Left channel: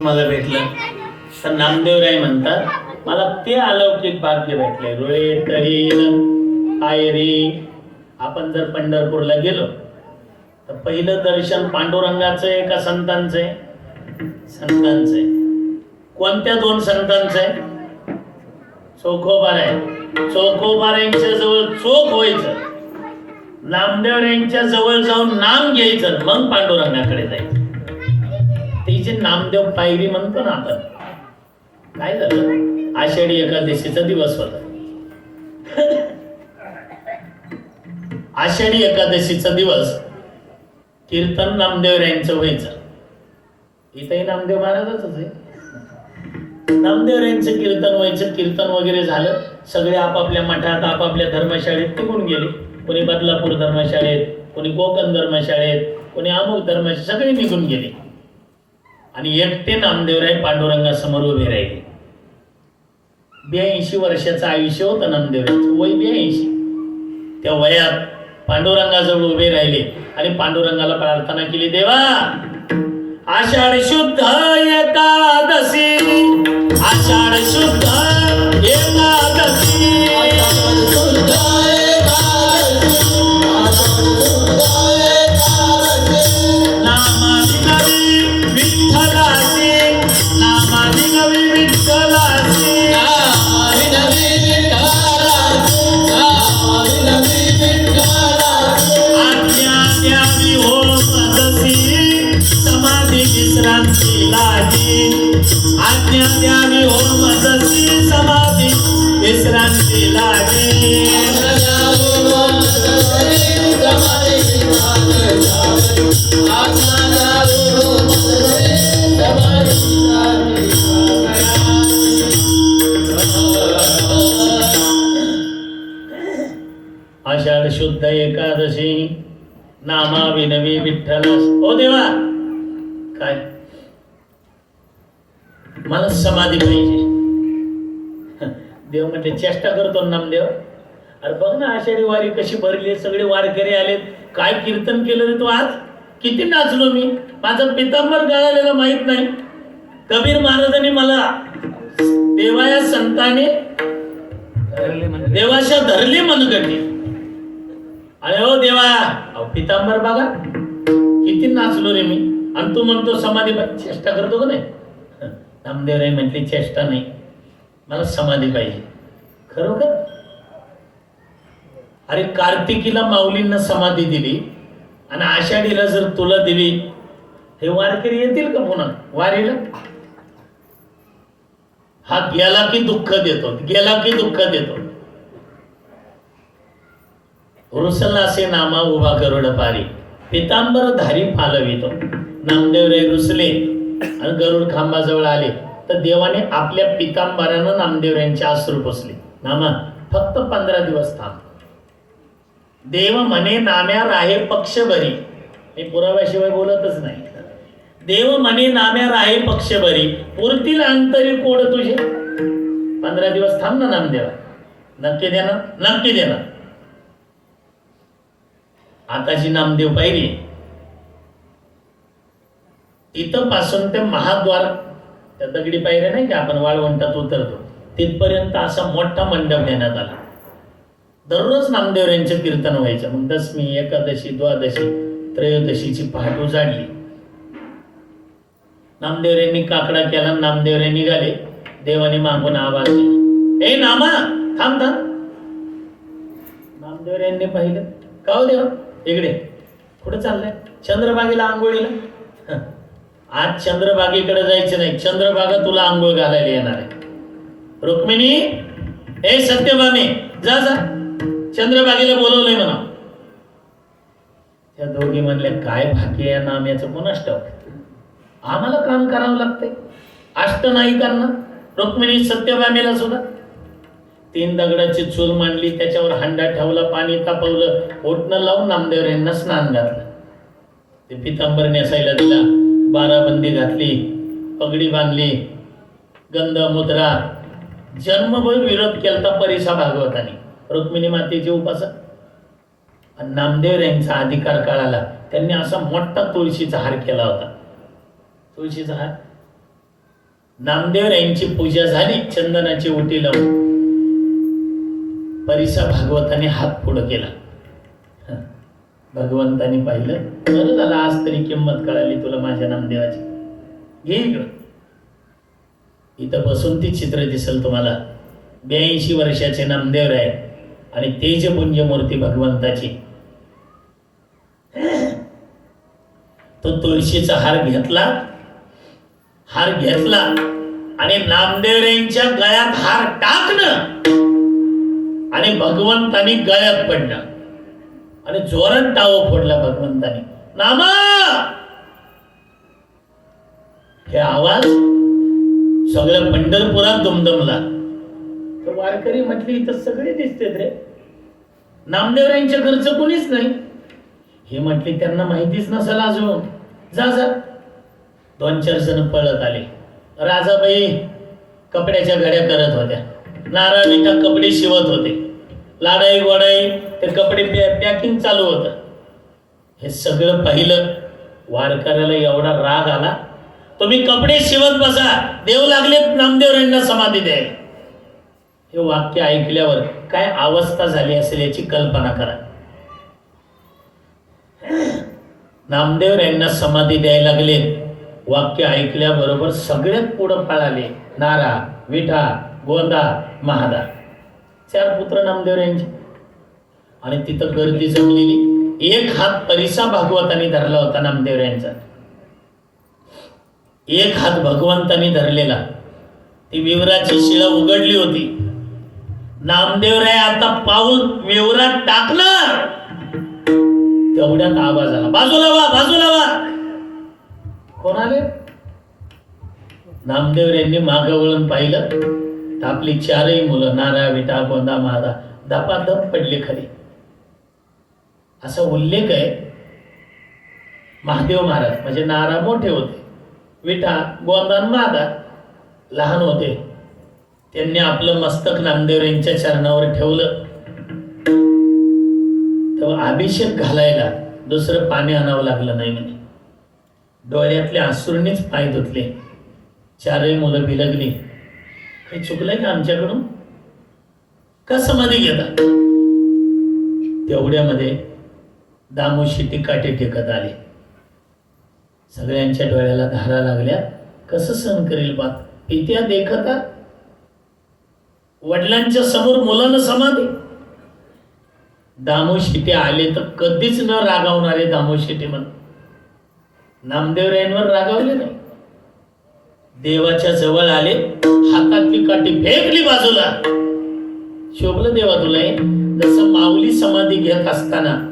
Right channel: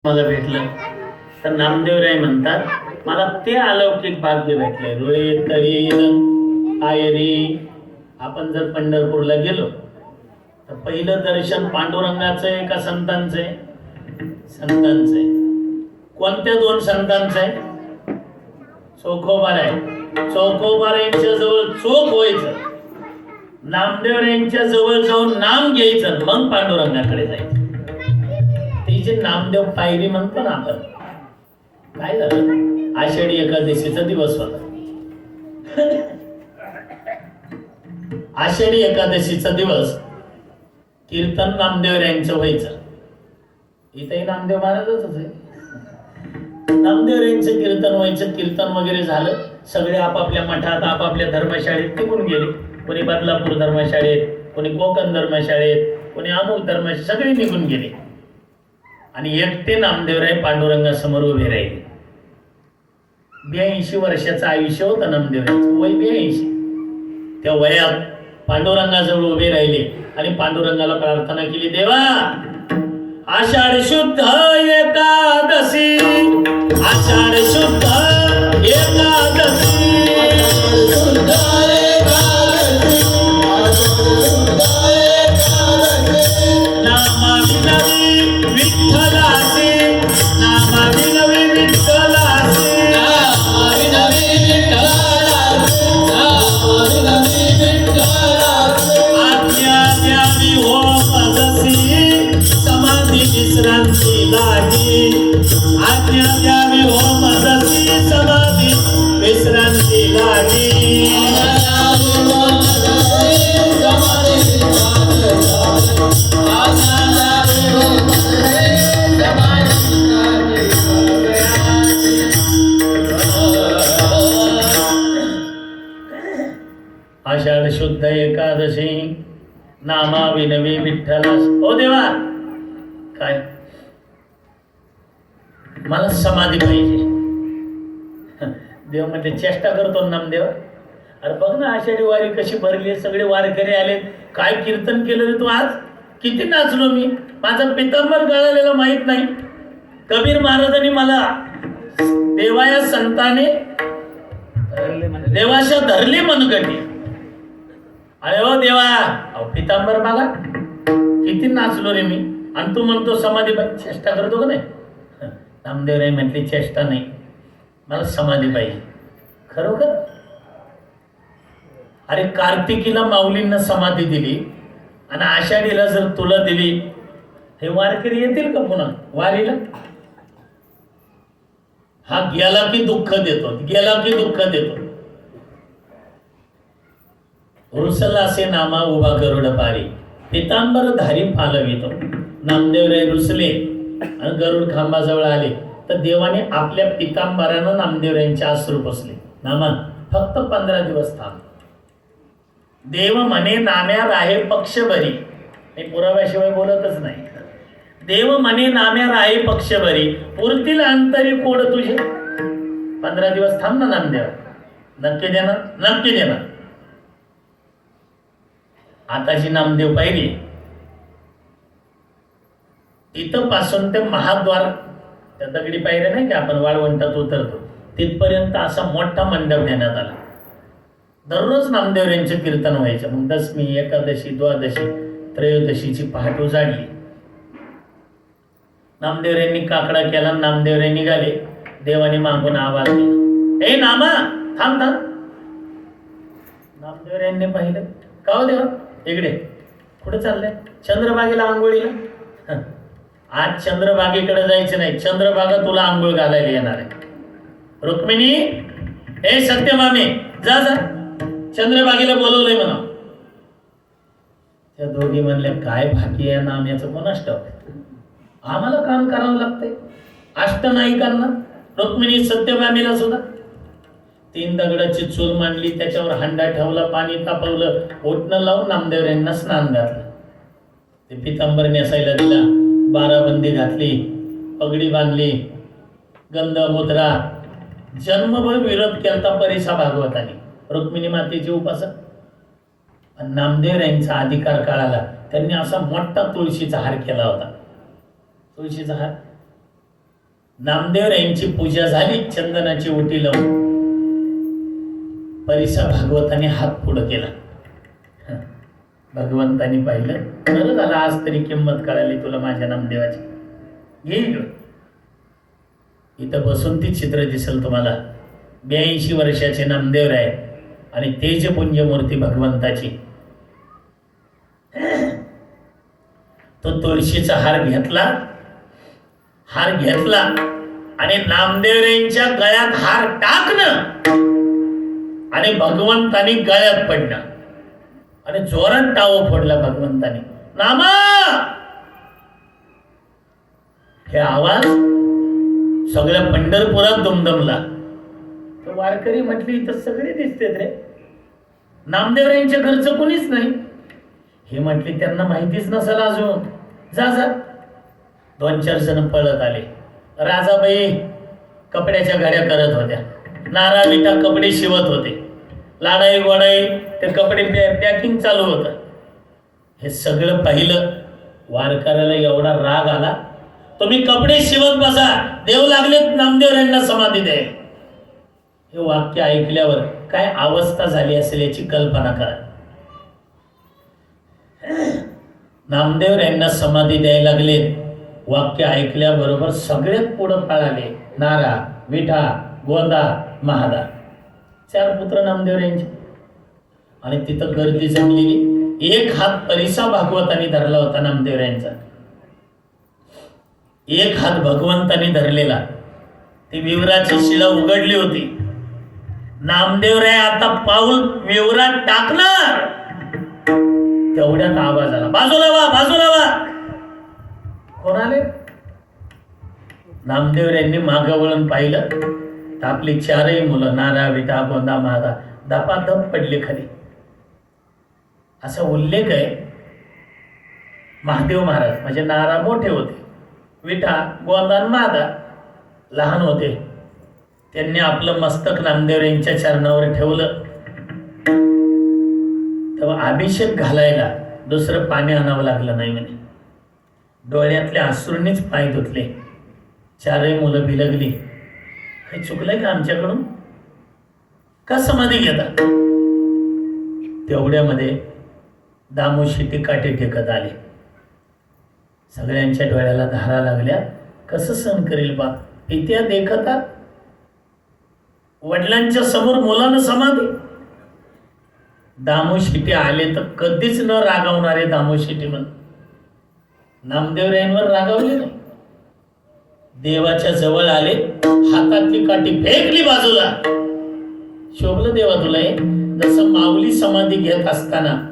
मला भेटलं. तर नामदेवराय म्हणतात मला ते अलौकिक भाग्य भेटले. रोळे तळी आयरी आपण जर पंढरपूरला गेलो तर पहिलं दर्शन पांडुरंगाचं आहे का संतांचं आहे? संतांचं आहे. कोणत्या दोन संतांचं आहे? चौकोबार आहे चौकोबाऱ्यांच्या जवळ चोख व्हायचं. नामदेवरांच्या जवळ जाऊन नाम घ्यायचं. मग पांडुरंगाकडे जायचं. तिची नामदेव पायरी म्हणतो ना आपण काय झालं? आषाढी एकादशीचा दिवस होता. आषाढी एकादशीचा दिवस कीर्तन नामदेव यांचं व्हायचं. इथंही नामदेव महाराजच आहे. नामदेव यांचं कीर्तन व्हायचं कीर्तन वगैरे झालं. सगळे आपापल्या मठात आपापल्या धर्मशाळेत निघून गेले. कोणी बदलापूर धर्मशाळेत कोणी कोकण धर्मशाळेत कोणी अमुक धर्मशाळेत सगळे निघून गेले. आणि एकटे नामदेवराय पांडुरंगासमोर उभे राहिले. ब्याऐंशी वर्षाचं आयुष्य होतं नामदेवरायचं वय ब्याऐंशी. त्या वयात पांडुरंगाजवळ उभे राहिले आणि पांडुरंगाला प्रार्थना केली देवा आषाढ शुद्ध एकादशी आषाढ शुद्ध समाधी पाहिजे. देव म्हणजे चेष्टा करतो नामदेव. अरे बघ ना आषाढी वारी कशी भरली सगळे वारकरी आले काय कीर्तन केलं रे तू आज? किती नाचलो मी? माझा पितांबर गळालेला माहीत नाही. कबीर महाराजांनी मला देवाया संताने देवाशा धरली मनगटी. अरे हो देवा अहो पितांबर बघा. किती नाचलो रे मी. आणि तू म्हणतो समाधी चेष्टा करतो का नाही? नामदेवराय म्हटली चेष्टा नाही. मला समाधी पाहिजे. खरोखर? अरे कार्तिकीला माऊलींना समाधी दिली आणि आषाढीला जर तुला दिली हे वारकरी येतील का पुन्हा? वारीला? हा गेला की दुःख देतो गेला की दुःख देतो. रुसला असे नामा उभा गरुड पारी पितांबर धारी फालवितो. नामदेवराय रुसले गरुड खांबाजवळ आले. तर देवाने आपल्या पितांबरानं नामदेवरायांचे आश्रू पुसले. नामा फक्त पंधरा दिवस थांब. देव म्हणे नाम्या राहे पक्षभरी. मी पुराव्याशिवाय बोलतच नाही. देव म्हणे नाम्या राहे पक्षभरी. पुरतील अंतरी कोड तुझे. पंधरा दिवस थांब ना नामदेवा. नक्की देणार? नक्की देणार. आताची नामदेव पाहिली. इथं पासून ते महाद्वार त्या दगडी पायऱ्या नाही का आपण वाळवंटात उतरतो. तिथपर्यंत असा मोठा मंडप देण्यात आला. दररोज नामदेव यांचे कीर्तन व्हायचे. मग दशमी एकादशी द्वादशी त्रयोदशीची पहाट उजाडली. नामदेव यांनी काकडा केला नामदेव रे निघाले. देवाने मागून आवाज दिला. ए नामा थांब थांब. नामदेव यांनी पाहिलं. का हो देवा? इकडे. कुठं चाललंय? चंद्रबागेला आंघोळीला? आज चंद्रभागेकडे जायचं नाही. चंद्रबागा तुला आंघोळ घालायला येणार आहे. रुक्मिणी ए सत्यभामे जा जा. चंद्रबागेला बोलवलंय म्हणा. त्या दोघी म्हणल्या काय भाकी या नाम्याचं कोण अष्ट आम्हाला काम करावं लागतंय. अष्ट नाही अष्टनायिकांना रुक्मिणी सत्यभामेला सुद्धा. तीन दगडाची चूल मांडली त्याच्यावर हंडा ठेवला पाणी तापवलं ओटणं लावून नामदेवरांना स्नान घातलं. ते पितांबर नेसायला दिला. बाराबंदी घातली पगडी बांधली गंध मुद्रा जन्मभर विरोध केलता परिसा भागवताने रुक्मिणी मातेची उपासक. आणि नामदेव यांचा अधिकार काळाला. त्यांनी असा मोठा तुळशीचा हार केला होता. तुळशीचा हार? नामदेव यांची पूजा झाली चंदनाची उटी लावून. परिसा भागवताने हात पुढं केला. भगवंतानी पाहिलं. बरं झालं आज तरी किंमत कळाली तुला माझ्या नामदेवाची. घे इथं बसून ती चित्र दिसेल तुम्हाला. ब्याऐंशी वर्षाचे नामदेव राय आणि तेजपुंज मूर्ती भगवंताची. तो तुळशीचा हार घेतला. हार घेतला आणि नामदेवरेंच्या गळ्यात हार टाकणं आणि भगवंतानी गळ्यात पडणं आणि जोरात टाव फोडला भगवंतानी. नामा! हे आवाज सगळ्या पंढरपुरात दुमदमला. तर वारकरी म्हटली इथं सगळे दिसतेत रे. नामदेवरांच्या घरचं कोणीच नाही. हे म्हटले त्यांना माहितीच नसेल अजून. जा जा. दोन चार जण पळत आले. राजाबाई कपड्याच्या घड्या करत होत्या. नारा कपडे शिवत होते. लाडाई गोडाई ते कपडे पॅकिंग चालू होतं. हे सगळं पाहिलं वारकऱ्याला एवढा राग आला. तुम्ही कपडे शिवत बसा देव लागलेत नामदेव यांना समाधी द्याय हे वाक्य ऐकल्यावर काय अवस्था झाली असेल याची कल्पना करा. नामदेव यांना समाधी द्यायला लागलेत वाक्य ऐकल्याबरोबर सगळे पुढं पळाले. नारा विठा गोंदा महादा. चार पुत्र नामदेव यांचे. आणि तिथं गर्दी जमलेली. एक हात परिसा भागवताने धरला होता नामदेव यांचा. एक हात भगवंताने धरलेला. ती विवराची शिळा उघडली होती. नामदेवराय आता पाऊल विवरात टाकणार. तेवढ्यात आवाज आला. बाजूला वा बाजूला वा कोणाले नामदेव यांनी मागं वळून पाहिलं. तर आपली चारही मुलं नारा विटा गोंदा महादा दापादप पडली खाली. असा उल्लेख आहे महादेव महाराज म्हणजे नारा मोठे होते विठा गोंदा मादा महादा लहान होते. त्यांनी आपलं मस्तक नामदेव यांच्या चरणावर ठेवलं. तेव्हा अभिषेक घालायला दुसरं पाणी आणावं लागलं नाही म्हणे. डोळ्यातल्या आसुरणीच पाय धुतले. चारही मुलं भिलगली. काही चुकलंय का आमच्याकडून? का समाधी घेता? तेवढ्यामध्ये दामोशी काटे टेकत आले. सगळ्यांच्या डोळ्याला धारा लागल्या. कसं सहन करेल बा? पित्या देखता वडिलांच्या समोर मुलानं समाधी. दामो दामोशिटे आले तर कधीच न रागावणारे दामो दामोशिटे म्हण. नामदेवरायांवर रागावले नाही. देवाच्या जवळ आले हातातली काठी फेकली बाजूला. शोभलं देवा तुला हे? जसं माऊली समाधी घेत असताना.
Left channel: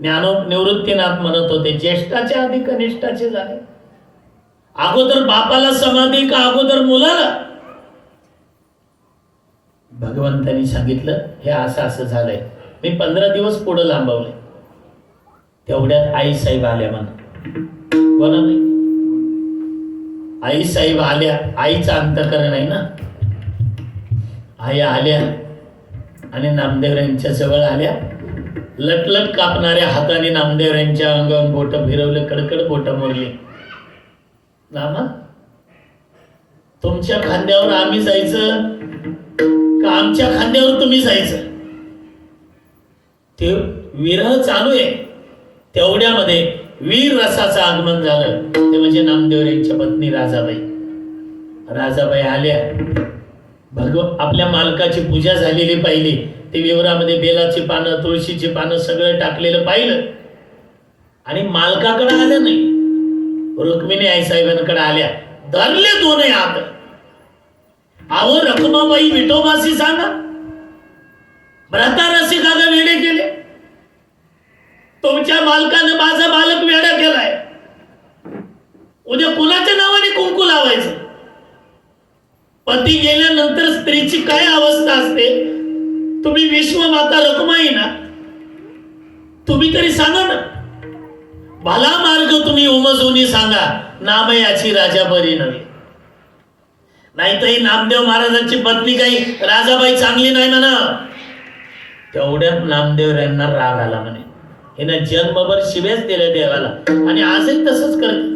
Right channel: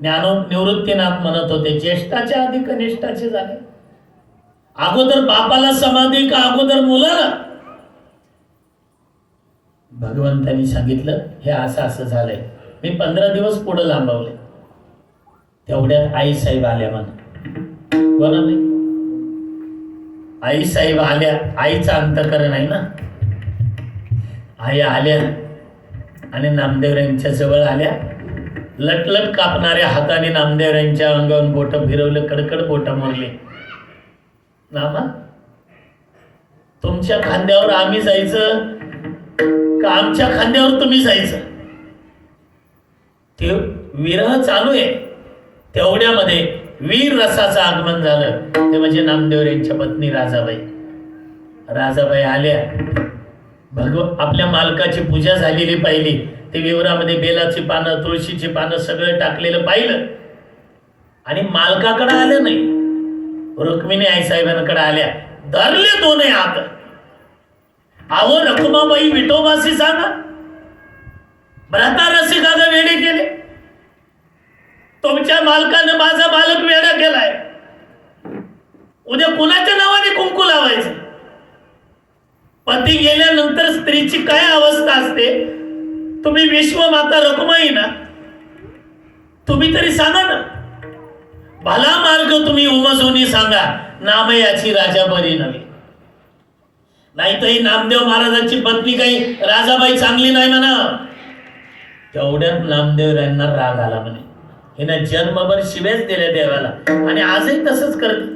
ज्ञानो निवृत्तीनाथ म्हणत होते ज्येष्ठाचे आधी कनिष्ठाचे झाले. अगोदर बापाला समाधी का अगोदर मुलाला? भगवंतानी सांगितलं हे असं असं झालंय. मी पंधरा दिवस पुढे लांबवले. तेवढ्यात आई साहेब आल्या म्हणा बरोबर आई साहेब आल्या. आईचं अंतकरण आहे ना? आई आल्या आणि नामदेव यांच्या जवळ आल्या. लटलट कापणाऱ्या हाताने नामदेव यांच्या अंगावर बोट फिरवले कडकड बोट मोरली नामा तुमच्या खांद्यावर आम्ही जायचं? का आमच्या खांद्यावर तुम्ही जायचं? ते विरह चालू आहे. तेवढ्यामध्ये वीर रसाचं आगमन झालं. ते म्हणजे नामदेव यांच्या पत्नी राजाबाई. राजाबाई आल्या. भगव आपल्या मालकाची पूजा झालेली पाहिली. ते विवरामध्ये बेलाची पानं तुळशीची पानं सगळं टाकलेलं पाहिलं. आणि मालकाकडे आलं नाही. रुक्मिणी आई साहेबांकडे आल्या. धरले दोन हात. अहो रखुमाबाई विठोबाशी सांगा. भ्रतारसी का वेळे वेडे केले. तुमच्या मालकाने माझा मालक वेडा केलाय. उद्या कुणाच्या नावाने कुंकू लावायचं? पती गेल्यानंतर स्त्रीची काय अवस्था असते? तुम्ही विश्वमाता रखमाई ना? तुम्ही तरी सांगा ना. भला मार्ग तुम्ही उमजूनी सांगा. नामयाची राजा बरी नव्हे. नाही तर ही नामदेव महाराजांची पत्नी काही राजाबाई चांगली नाही म्हणा. तेवढ्यात नामदेवरायांना राग आला म्हणे. हिने जन्मभर शिवेच दिले देवाला. आणि आजही तसंच करते.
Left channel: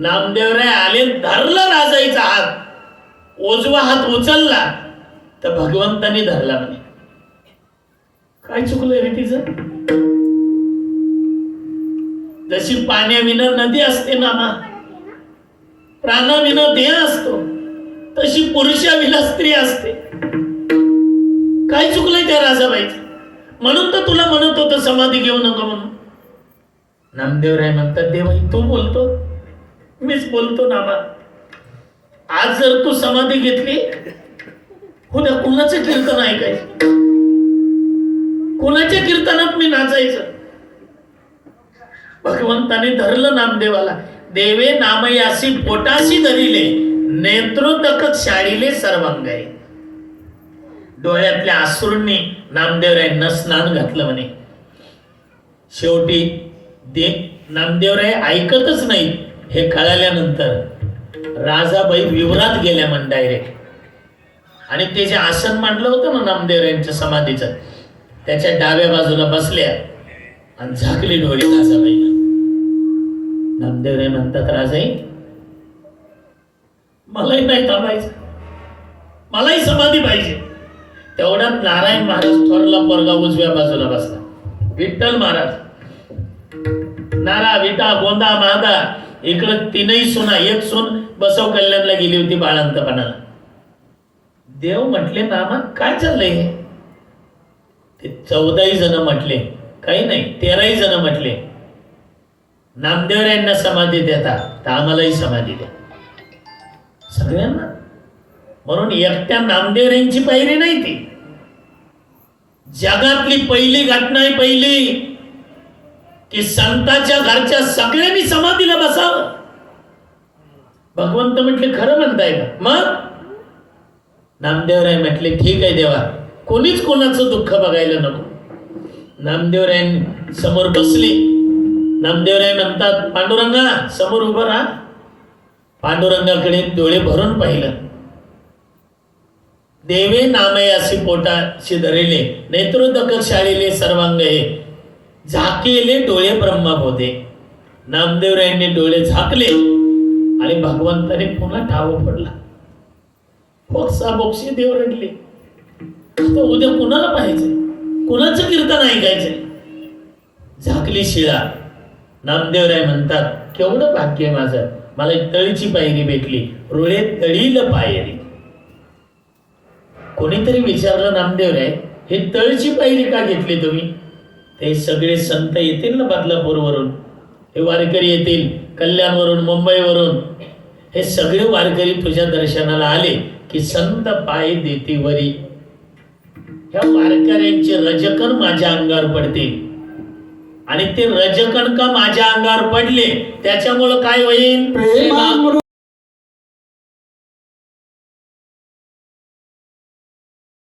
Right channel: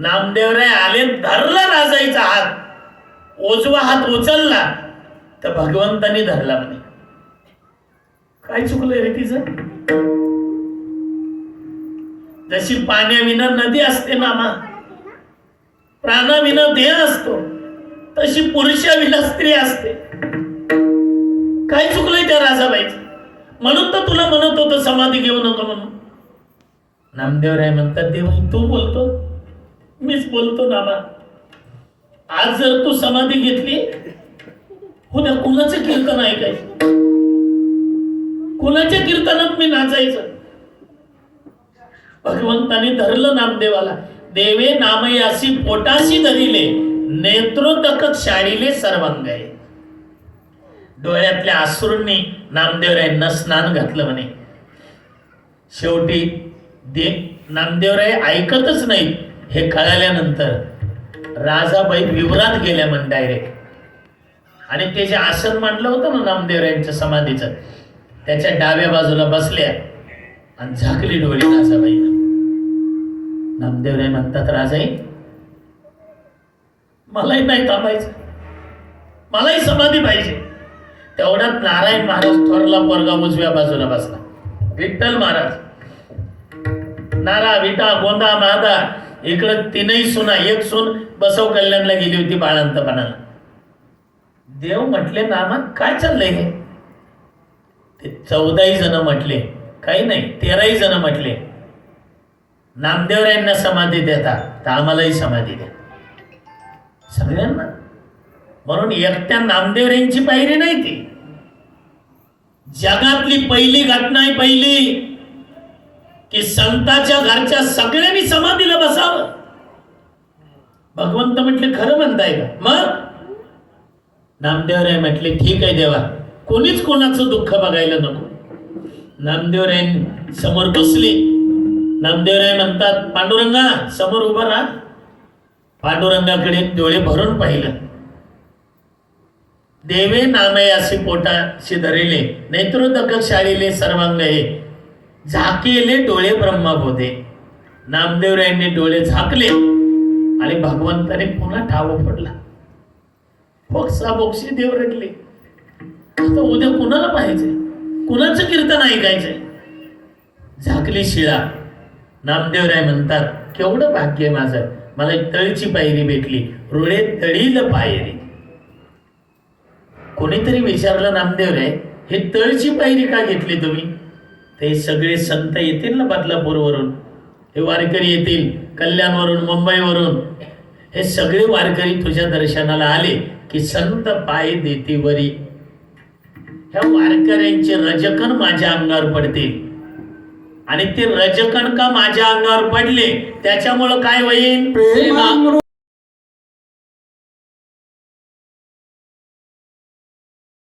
नामदेवराय आले धरला राजाईचा हात. उजवा हात उचलला तर भगवंतानी धरला म्हणे. काय चुकलंय रे तिचं? जशी पाण्याविना नदी असते नामा प्राणाविना देह असतो तशी पुरुषाविना स्त्री असते. काय चुकलंय त्या राजाबाईचं? म्हणून तर तुला म्हणत होतं समज नामदेवराय म्हणतात देवाई तू बोलतो? मीच बोलतो नामा. आज जर तू समाधी घेतली उद्या कुणाचं कीर्तन ऐकायचं? कुणाच्या कीर्तनात मी नाचायचं? भगवंताने धरलं नामदेवाला. देवे नामयासी पोटाशी धरिले नेत्रोदक शाळीले सर्वांग डोळ्यातल्या आसुरूंनी नामदेवरायांना स्नान घातलं म्हणे. शेवटी दे नामदेवराय ऐकतच नाही हे कळाल्यानंतर राजाबाई विवरात गेल्या म्हण डायरेक्ट आणि ते जे आसन मांडलं होतं ना नामदेवरायांच्या समाधीचं त्याच्या डाव्या बाजूला बसल्या आणि झाकली डोळी राजाबाई नामदेवराय म्हणतात राजाई मलाही नाही थांबायचं. मलाही समाधी पाहिजे. तेवढ्यात नारायण महाराज थोरला पोरगा उजव्या बाजूला बसला. विठ्ठल महाराज नारा विटा गोंदा महादा इकडं तीनही सुना एक सून बसव कल्याणला गेली होती बाळांतपणाला देव म्हटले नामा काय चाललंय हे? ते चौदाही जण म्हटले काही नाही तेराही जण म्हटले नामदेवरायांना समाधी देता तर आम्हालाही समाधी द्या. सगळ्यांना. म्हणून एकट्या नामदेवऱ्यांची पायरी नाही ती. जगातली पहिली घटना आहे पहिली. की संताच्या घरच्या सगळ्यांनी समाधीला बसावं. भगवंत म्हटले खरं म्हणताय का? मग? नामदेवराय म्हटले ठीक आहे देवा कोणीच कोणाचं दुःख बघायला नको. नामदेवराय समोर बसले. नामदेवराय म्हणतात पांडुरंगा समोर उभा राहा. पांडुरंगाकडे डोळे भरून पाहिलं. देवे नामयासी पोटाशी धरिले नेत्रोदक शाळीले सर्वांग हे झाकेले डोळे ब्रह्मबोधे नामदेवरायांनी डोळे झाकले आणि भगवंताने पुन्हा ठाव पडला फोक्सा बोक्सी देव रडले. आता उद्या कुणाला पाहिजे कुणाचं कीर्तन ऐकायचंय? झाकली शिळा. नामदेवराय म्हणतात केवढं भाग्य माझं. मला तळीची पायरी भेटली. रुळे तळील पायरी. कोणीतरी विचारलं नामदेवराय हे तळची पायरी का घेतली तुम्ही? ते सगळे संत येतील ना बदलापूरवरून? हे वारकरी येतील कल्याणवरून मुंबईवरून. हे सगळे वारकरी तुझ्या दर्शनाला आले की संत पाय देतीवरी ह्या वारकऱ्यांचे रजकण माझ्या अंगावर पडतील आणि ते रजकण का माझ्या अंगावर पडले? त्याच्यामुळं काय होईल?